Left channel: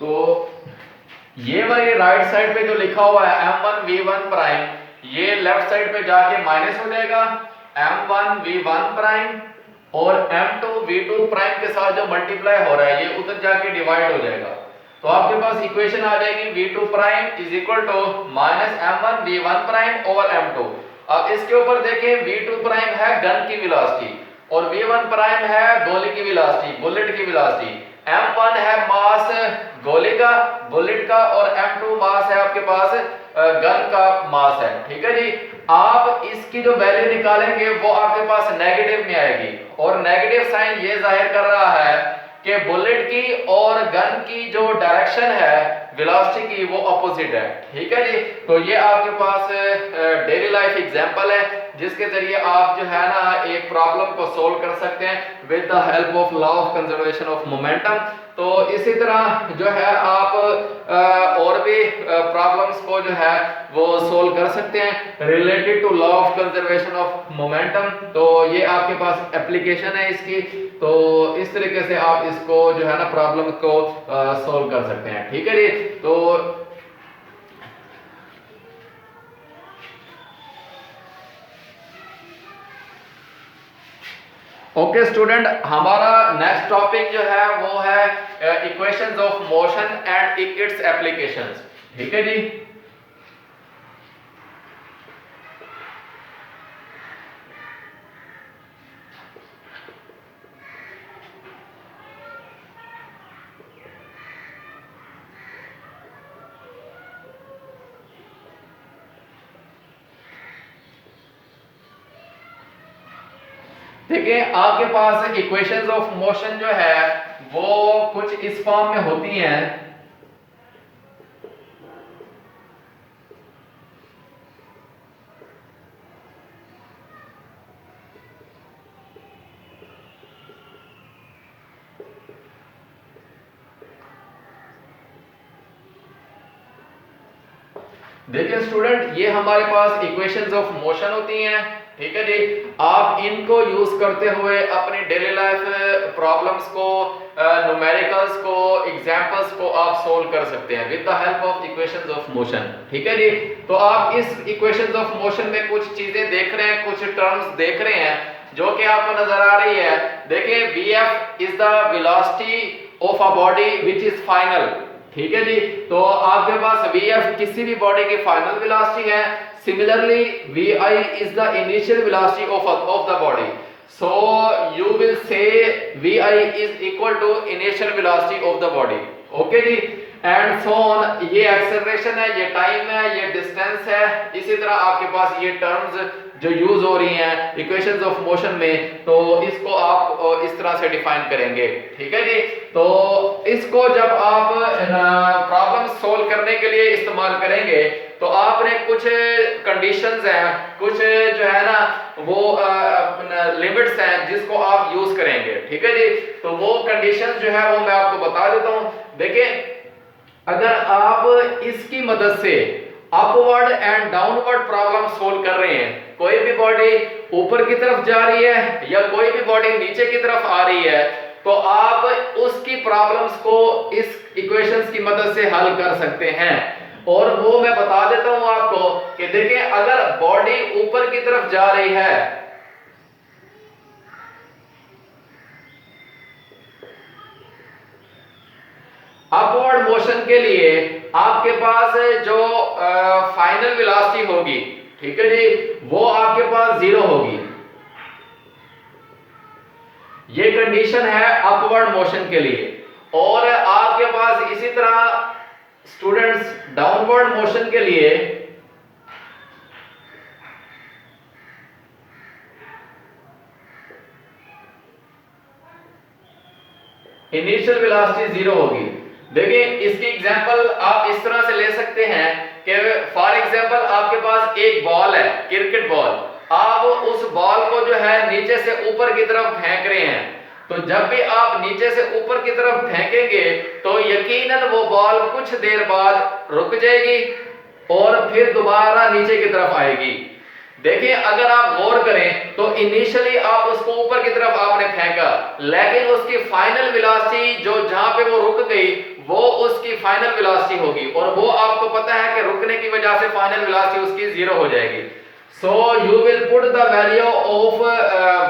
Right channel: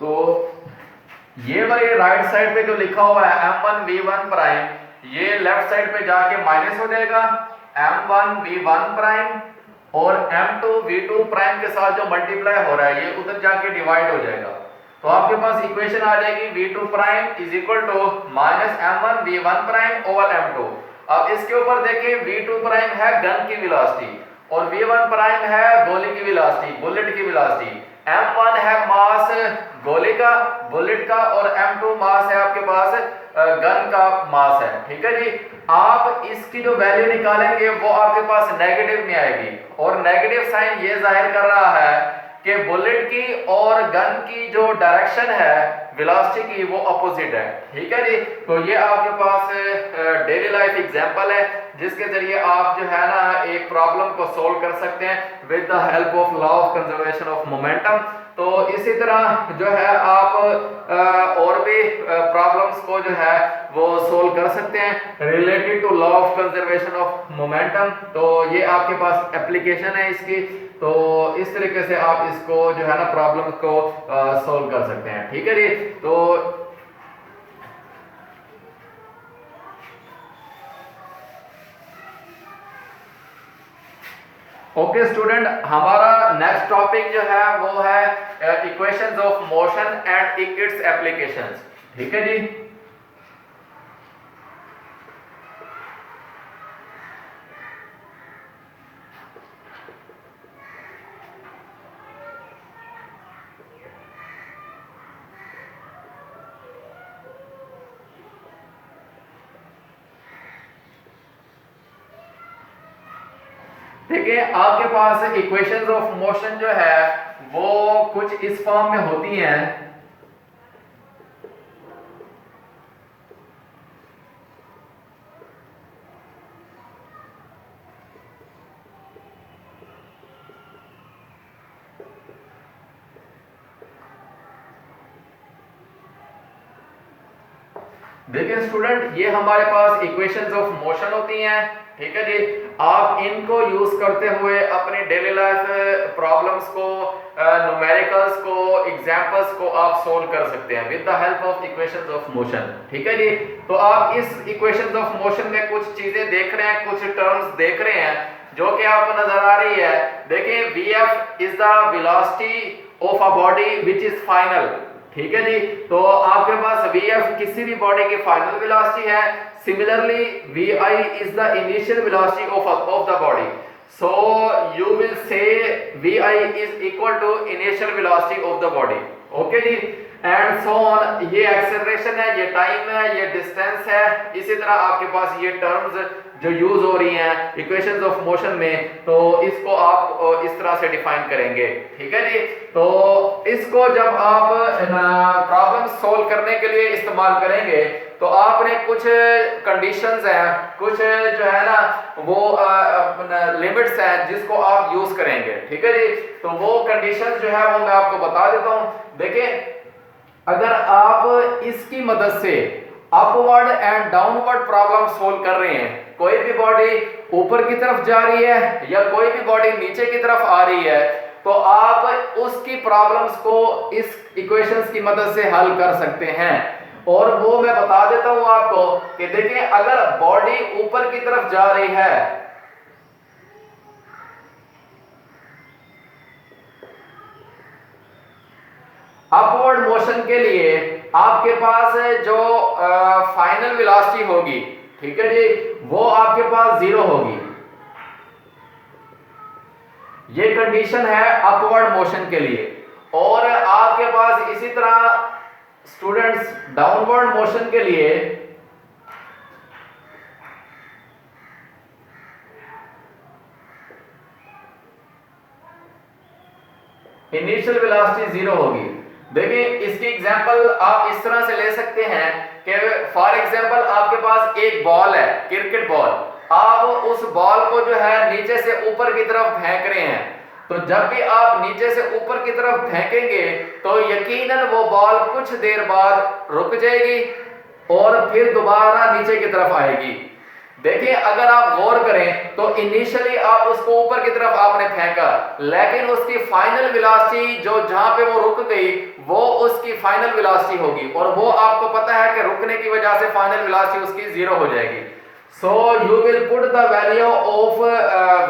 तो ये वाली राइट साइड पे जो लिखा हुआ है m1v1 प्राइम, ये लेफ्ट साइड पे जाके माइनस हो जाएगा m1v1 प्राइम, और m2v2 प्राइम के साथ जो मल्टीप्लाई हो रहा है ये उधर जाके डिवाइड हो जाएगा। तो आपके पास इक्वेशन आ जाएगी v2 prime is equal to minus m1v1 prime over m2। अब इसके ऊपर देखें, v2 प्राइम है गन की वेलोसिटी और v1 प्राइम है गोली की वेलोसिटी, बुलेट की वेलोसिटी। m1 है मास गोली का, बुलेट का, और m2 मास है आपके पास गन का मास है। ठीक है जी। आप इसकी जो वैल्यू निकालेंगे वो आपके पास नेगेटिव में आएगी, और नेगेटिव साइन ये जाहिर कर रहा है कि बुलेट की और गन की जो डायरेक्शन है वेलोसिटी की वो अपोजिट है। ठीक है जी। तो ये आपके पास डेली लाइफ एग्जांपल है जिसके जरिए आप जो है ना एक प्रॉब्लम को सोल्व कर सकते हैं with the help of law of conservation of momentum. तो इसी तरह जो है आप और भी प्रॉब्लम्स को जो है वो सोल्व कर सकते हैं related to law of conservation of momentum. तो ये आपके पास एप्लीकेशन है इसकी, तो इस तरीके से आप इसको जो है ना प्रॉब्लम को सोल्व कर सकते हैं। ठीक है जी। तो ओके स्टूडेंट, हमारा नेक्स्ट टॉपिक जो है वो है equations of motion and it's applications. ठीक है जी। देखिए आपके पास इक्वेशंस ऑफ मोशन जो है वो कुछ इस फॉर्म में होती हैं। देखिए स्टूडेंट, ये हमारे पास इक्वेशंस ऑफ मोशन होती हैं। ठीक है जी। आप इनको यूज करते हुए अपनी डेली लाइफ प्रॉब्लम्स को, न्यूमेरिकल्स को, एग्जांपल्स को आप सोल्व कर सकते हैं with the help of equations of motion. ठीक है जी। तो आप इस इक्वेशंस ऑफ मोशन में कुछ चीजें देख रहे हैं, कुछ टर्म्स देख रहे हैं जो कि आपको नजर आ रही है। देखिए vf is the velocity of a body which is final. ठीक है जी। तो आपके पास vf किसी भी बॉडी की फाइनल वेलोसिटी है। Similarly, vi is the initial velocity of the body. So you will say vi is equal to initial velocity of the body. Okay जी। And so on, ये एक्सेलरेशन है, ये time है, ये distance है। इसी तरह आपके पास ये टर्म्स जो यूज हो रही हैं इक्वेशंस ऑफ मोशन में, तो इसको आप इस तरह से डिफाइन करेंगे। ठीक है जी। तो इसको जब आप प्रॉब्लम सोल्व करने के लिए इस्तेमाल करेंगे तो आपने कुछ कंडीशंस हैं, कुछ जो है ना वो लिमिट्स हैं जिसको आप यूज करेंगे। ठीक है जी। तो वो कंडीशंस जो है वो मैं आपको बता देता हूं। देखिए, अगर आप इसकी मदद से upward and downward problem solve कर रहे हैं, कोई भी बॉडी ऊपर की तरफ जा रही है या कोई भी बॉडी नीचे की तरफ आ रही है, तो आप उसकी प्रॉब्लम्स को इस इक्वेशंस की मदद से हल कर सकते हैं। और वो मैं बता देता हूं आपको कि देखिए, अगर बॉडी ऊपर की तरफ जा रही है, अपवर्ड मोशन के लिए आपके पास जो फाइनल वेलोसिटी होगी, ठीक है जी, वो आपके पास 0 होगी। ये कंडीशन है अपवर्ड मोशन के लिए। और आपके पास इसी तरह स्टूडेंट्स डाउनवर्ड मोशन के लिए इनिशियल वेलोसिटी 0 होगी। देखिए, इसकी एग्जांपल आप इस तरह से ले सकते हैं कि फॉर एग्जांपल आपके पास एक बॉल है, क्रिकेट बॉल। आप उस बॉल को जो है नीचे से ऊपर की तरफ फेंक रहे हैं, तो जब भी आप नीचे से ऊपर की तरफ फेंकेंगे तो यकीनन वो बॉल कुछ देर बाद रुक जाएगी और फिर दोबारा नीचे की तरफ आएगी। देखिए अगर आप गौर करें तो इनिशियली आप उसको ऊपर की तरफ आपने फेंका, लेकिन उसकी फाइनल वेलोसिटी जो जहां पे वो रुक गई वो उसकी फाइनल वेलोसिटी होगी, और वो आपको पता है कि रुकने की वजह से फाइनल वेलोसिटी उसकी जीरो हो जाएगी। So you will put the value of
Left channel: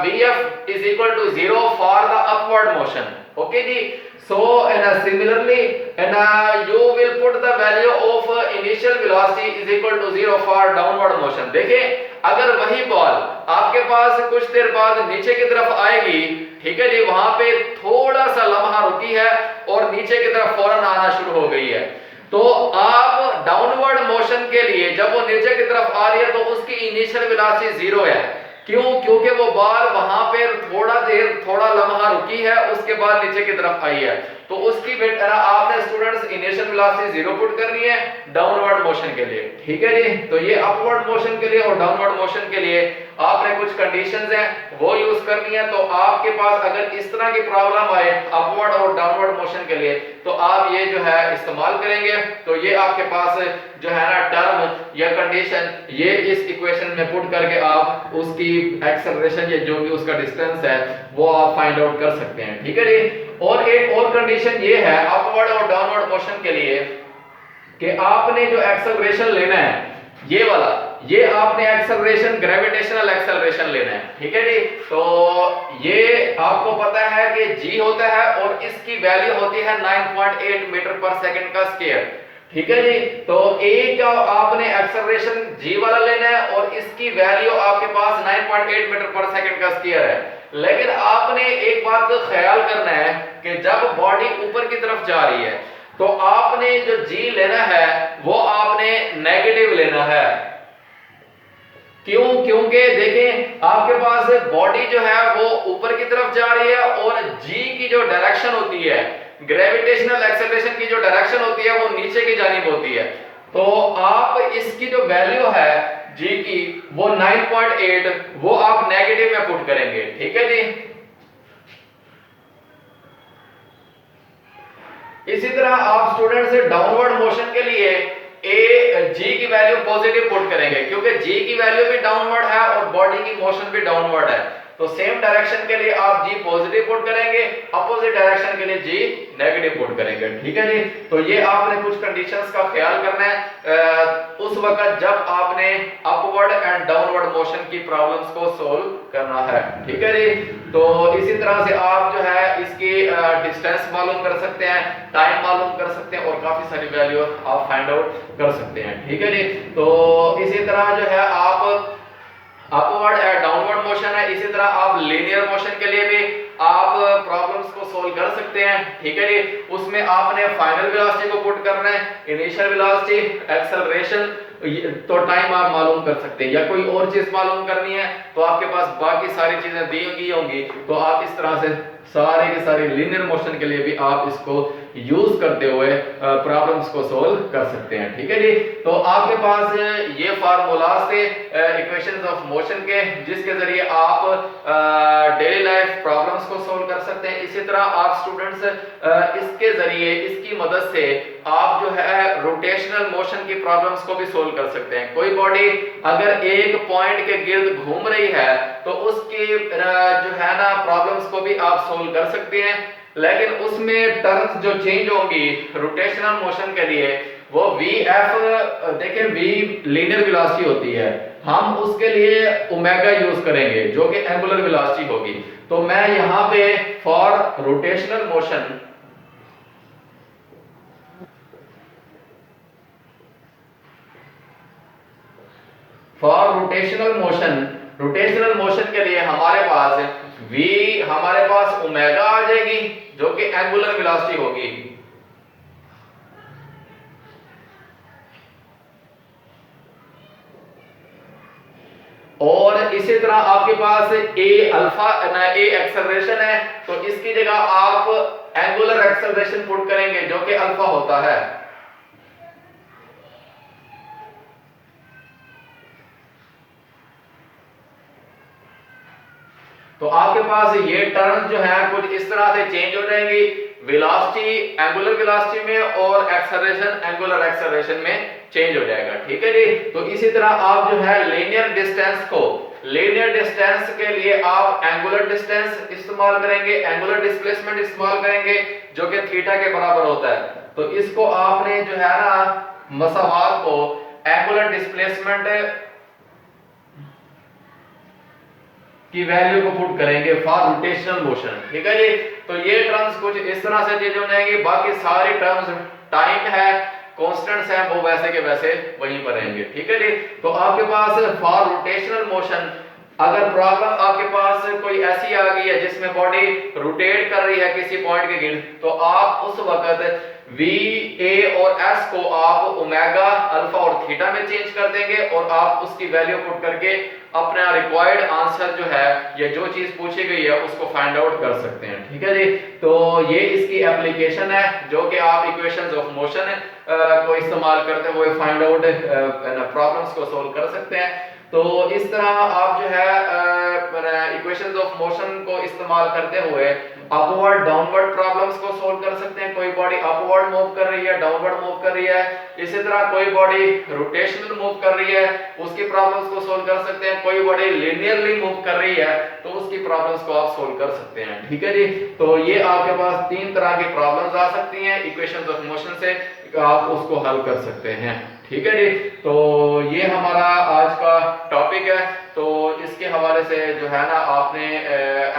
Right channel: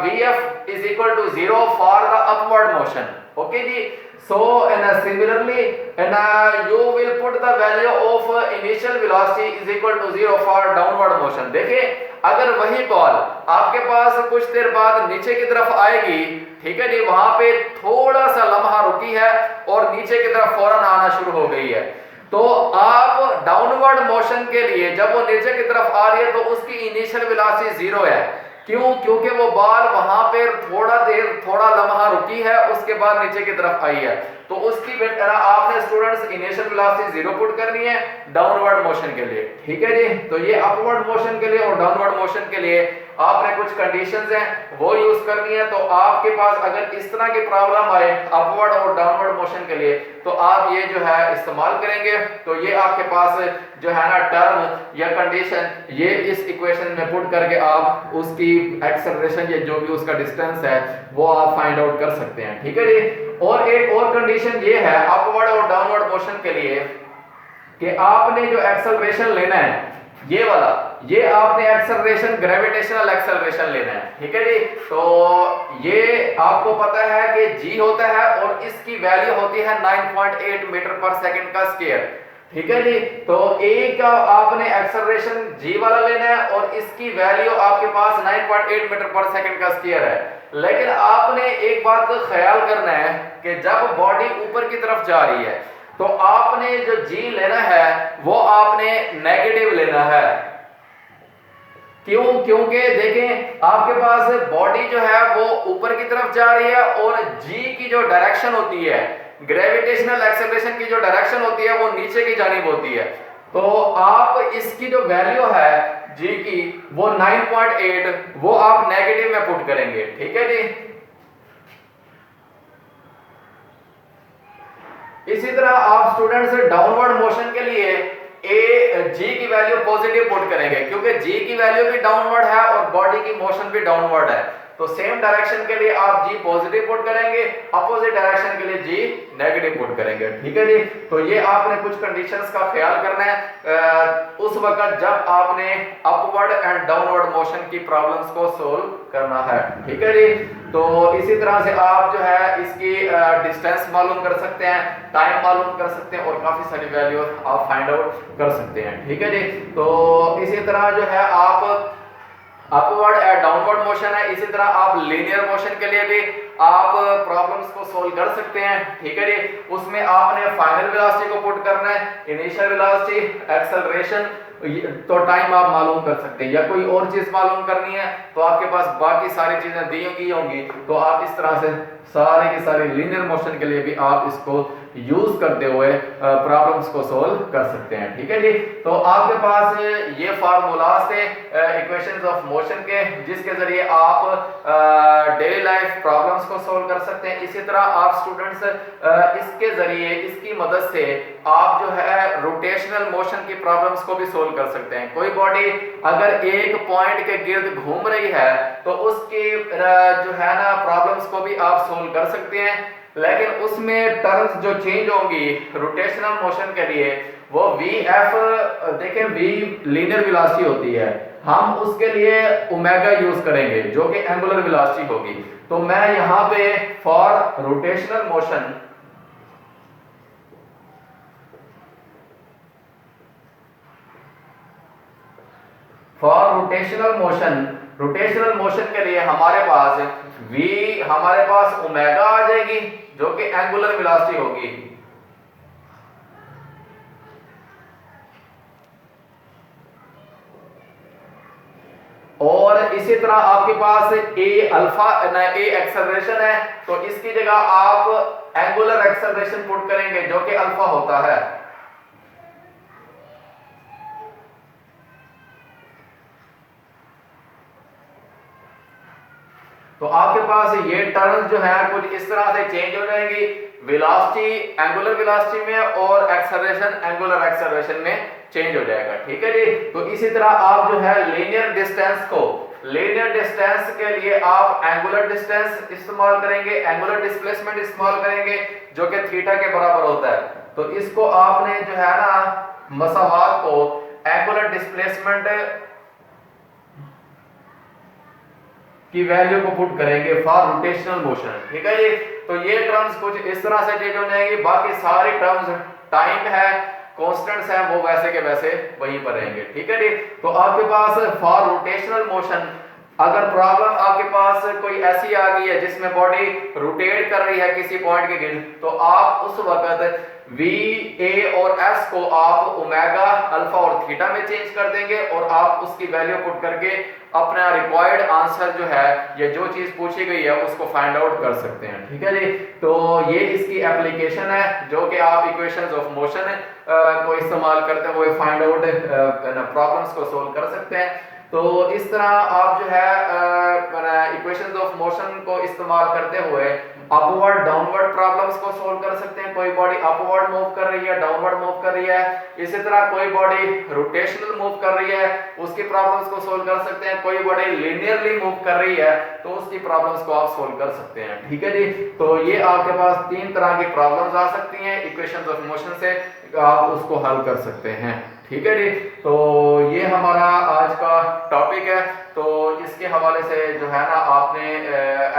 vf is equal to 0 for the upward motion. Okay जी, so and similarly and you will put the value of initial velocity is equal to 0 for downward motion. देखिए अगर वही ball आपके पास कुछ देर बाद नीचे की तरफ आएगी, ठीक है जी, वहां पे थोड़ा सा लम्हा रुकी है और नीचे की तरफ फौरन आना शुरू हो गई है, तो आप डाउनवर्ड मोशन के लिए जब वो नीचे की तरफ आ रही है तो उसकी इनिशियल वेलोसिटी जीरो है। क्यों? क्योंकि वो बॉल वहां पे थोड़ा लम्हा रुकी है, उसके बाद नीचे की तरफ आई है, तो उसकी आपने students initial velocity zero put करनी है डाउनवर्ड मोशन के लिए। ठीक है जी, तो ये अपवर्ड मोशन के लिए और डाउनवर्ड मोशन के लिए आपने कुछ कंडीशंस हैं वो यूज करनी है। तो आपके पास अगर इस तरह की प्रॉब्लम आए अपवर्ड और डाउनवर्ड मोशन के लिए तो आप ये जो है इस्तेमाल करेंगे, तो ये आपके पास जो है ना टर्म या कंडीशन ये इस इक्वेशन में पुट करके आप उसकी एक्सेलरेशन या जो भी उसका डिस्टेंस है वो आप फाइंड आउट कर सकते हैं। ठीक है जी, और एक और कंडीशन ये है अपवर्ड और डाउनवर्ड मोशन के लिए कि आपने जो एक्सेलरेशन लेना है ये वाला, ये आपने एक्सेलरेशन ग्रेविटेशनल एक्सेलरेशन लेना है। ठीक है जी, तो ये आपको पता है कि g होता है और इसकी वैल्यू होती है 9.8 मीटर पर सेकंड का स्क्वायर। ठीक है जी, तो a का आपने एक्सेलरेशन g वाला लेना है और इसकी वैल्यू आपके पास 9.8 मीटर पर सेकंड का स्क्वायर है। लेकिन आपने एक बात का ख्याल करना है कि जब बॉडी ऊपर की तरफ जा रही है तो आपने जो g लेना है वो आपने नेगेटिव लेना है। क्यों? क्योंकि देखें आपके पास बॉडी जो है वो ऊपर की तरफ जा रही है और g की जो डायरेक्शन होती है, ग्रेविटेशनल एक्सेलरेशन की जो डायरेक्शन होती है वो नीचे की जानिब होती है, तो आप इसकी जो वैल्यू है g की वो 9.8 वो आप नेगेटिव में पुट करेंगे। ठीक है जी, इसी तरह आप स्टूडेंट्स डाउनवर्ड मोशन के लिए जी की वैल्यू पॉजिटिव पुट करेंगे, क्योंकि जी की वैल्यू भी डाउनवर्ड है और बॉडी की मोशन भी डाउनवर्ड है, तो सेम डायरेक्शन के लिए आप जी पॉजिटिव पुट करेंगे, अपोजिट डायरेक्शन के लिए जी नेगेटिव पुट करेंगे। ठीक है जी, तो ये आपने कुछ कंडीशंस का ख्याल करना है उस वक्त जब आपने अपवर्ड एंड डाउनवर्ड मोशन की प्रॉब्लम्स को सोल्व करना है। ठीक है जी, तो इसी तरह से आप जो है इसकी डिस्टेंस मालूम कर सकते हैं, टाइम मालूम कर सकते हैं और काफी सारी वैल्यू आप फाइंड आउट कर सकते हैं। ठीक है जी, तो इसी तरह जो है आप अपवर्ड एंड डाउनवर्ड मोशन है, इसी तरह आप लीनियर मोशन के लिए भी आप प्रॉब्लम्स को सोल्व कर सकते हैं। ठीक है जी, उसमें आपने फाइनल वेलोसिटी को पुट करना है, इनिशियल वेलोसिटी, एक्सेलरेशन, तो टाइम आप मालूम कर सकते हैं, या कोई और चीज मालूम करनी है तो आपके पास बाकी सारी चीजें दी गई होंगी, तो आप इस तरह से सारे के सारे लीनियर मोशन के लिए भी आप इसको यूज करते हुए प्रॉब्लम्स को सोल्व कर सकते हैं। ठीक है जी, तो आपके पास ये फार्मूलाज थे इक्वेशंस ऑफ मोशन के, जिसके जरिए आप डेली लाइफ प्रॉब्लम्स को सोल्व कर सकते हैं। इसी तरह आप स्टूडेंट्स इसके जरिए, इसकी मदद से आप जो है रोटेशनल मोशन की प्रॉब्लम्स को भी सोल्व कर सकते हैं। कोई बॉडी अगर एक पॉइंट के गिर्द घूम रही है तो उसकी जो है ना प्रॉब्लम्स को भी आप सोल्व कर सकते हैं, लेकिन उसमें टर्म्स जो चेंज होंगी रोटेशनल मोशन के लिए वो vf, देखिए v लीनियर वेलोसिटी होती है, हम उसके लिए ओमेगा यूज करेंगे जो कि एंगुलर वेलोसिटी होगी। तो मैं यहां पे for rotational motion rotational motion के लिए हमारे पास v, हमारे पास ओमेगा आ जाएगी जो कि एंगुलर वेलोसिटी होगी, और इसी तरह आपके पास a अल्फा a एक्सेलरेशन है, तो इसकी जगह आप एंगुलर एक्सेलरेशन पुट करेंगे जो कि अल्फा होता है। तो आपके पास ये टर्म्स जो है कुछ इस तरह से चेंज हो जाएंगी, वेलोसिटी एंगुलर वेलोसिटी में और एक्सेलरेशन एंगुलर एक्सेलरेशन में चेंज हो जाएगा। ठीक है जी। तो इसी तरह आप जो है लीनियर डिस्टेंस को, लीनियर डिस्टेंस के लिए आप एंगुलर डिस्टेंस इस्तेमाल करेंगे, एंगुलर डिस्प्लेसमेंट इस्तेमाल करेंगे जो कि थीटा के बराबर होता है। तो इसको आपने जो है ना मसावात को एंगुलर डिस्प्लेसमेंट की वैल्यू को पुट करेंगे फॉर रोटेशनल मोशन। ठीक है जी। तो ये टर्म्स कुछ इस तरह से चेंज हो जाएंगे, बाकी सारी टर्म्स टाइम है कांस्टेंट्स हैं वो वैसे के वैसे वहीं पर रहेंगे। ठीक है जी। तो आपके पास फॉर रोटेशनल मोशन अगर प्रॉब्लम आपके पास कोई ऐसी आ गई है जिसमें बॉडी रोटेट कर रही है किसी पॉइंट के गिर्द, तो आप उस वक्त V, A और S को आप ओमेगा, अल्फा और थीटा में चेंज कर देंगे और आप उसकी वैल्यू पुट करके अपना रिक्वायर्ड आंसर जो है या जो चीज पूछी गई है उसको फाइंड आउट कर सकते हैं। ठीक है जी। तो ये इसकी एप्लीकेशन है जो कि आप इक्वेशंस ऑफ मोशन को इस्तेमाल करते हुए फाइंड आउट प्रॉब्लम्स को सोल्व कर सकते हैं। तो इस तरह आप जो है इक्वेशंस ऑफ मोशन को इस्तेमाल करते हुए अपवर्ड डाउनवर्ड प्रॉब्लम्स को सोल्व कर सकते हैं। कोई बॉडी अपवर्ड मूव कर रही है, डाउनवर्ड मूव कर रही है, इसी तरह कोई बॉडी रोटेशनल मूव कर रही है उसकी प्रॉब्लम्स को सोल्व कर सकते हैं। कोई बॉडी लिनियरली मूव कर रही है तो उसकी प्रॉब्लम्स को आप सोल्व कर सकते हैं। ठीक है जी। तो ये आपके पास तीन तरह की प्रॉब्लम्स आ सकती हैं, इक्वेशंस ऑफ मोशन से आप उसको हल कर सकते हैं। ठीक है जी। तो ये हमारा आज का टॉपिक है। तो इसके हवाले से जो है ना आपने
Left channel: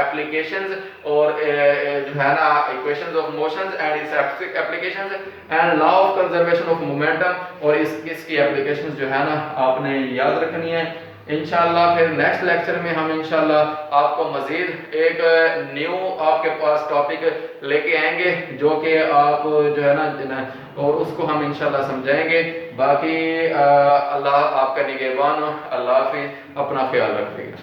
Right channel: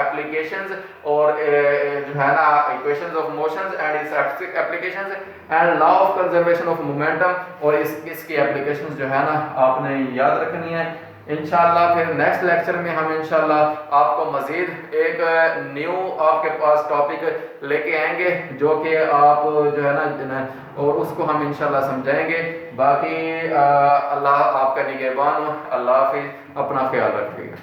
एप्लीकेशंस और जो है ना equations of motions and it's applications and law of conservation of momentum और इसकी एप्लीकेशंस जो है ना आपने याद रखनी है। इंशाल्लाह फिर नेक्स्ट लेक्चर में हम इंशाल्लाह आपको मजीद एक न्यू आपके पास टॉपिक लेके आएंगे जो कि आप जो है ना और उसको हम इंशाल्लाह समझाएंगे। बाकी अल्लाह आपका निगहबान हो। अल्लाह हाफिज़, अपना ख्याल रखिएगा।